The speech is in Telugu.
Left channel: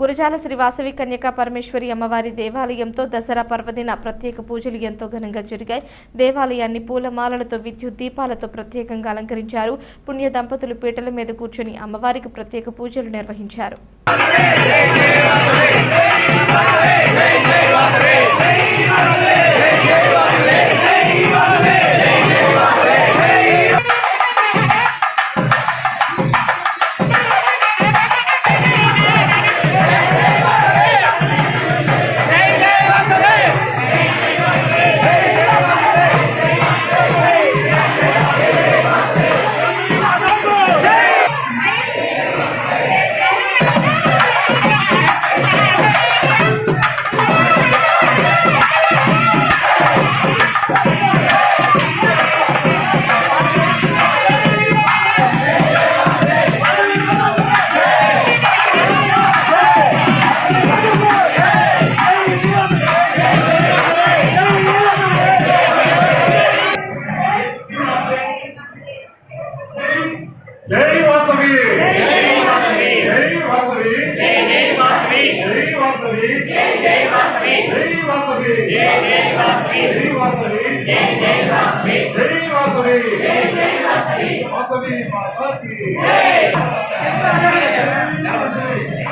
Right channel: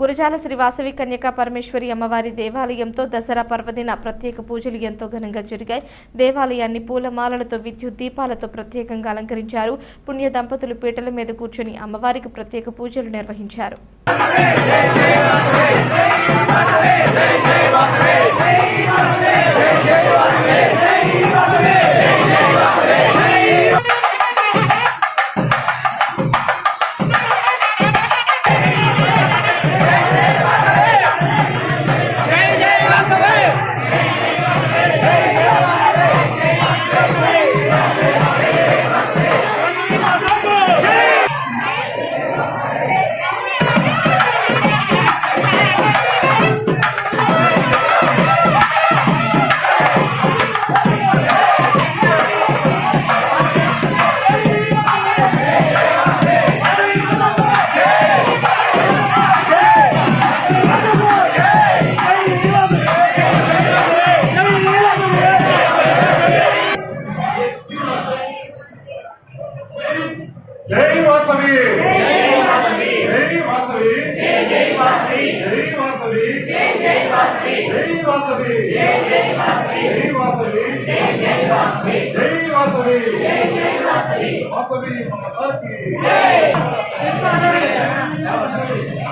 గురజాల శ్రీ వాసవి కన్యకా పరమేశ్వరి అమ్మవారి దేవాలయంతో దసరా పర్వదిన ప్రత్యేక పూజలు ఎంతో ఘనంగా జరిగాయి. దేవాలయాన్ని పూలమాలలతో విద్యుత్ దీపాలతో ప్రత్యేకంగా అలంకరించారు. పుణ్య దంపతులు పీటల మీద కూర్చొని అమ్మవారికి ప్రత్యేక పూజలు నిర్వహించారు. जय वासवी जय वासवी जय वासवी जय वासवी जय वासवी जय वासवी जय वासवी जय वासवी जय वासवी जय वासवी जय वासवी जय वासवी वासवी माता की जय जय वासवी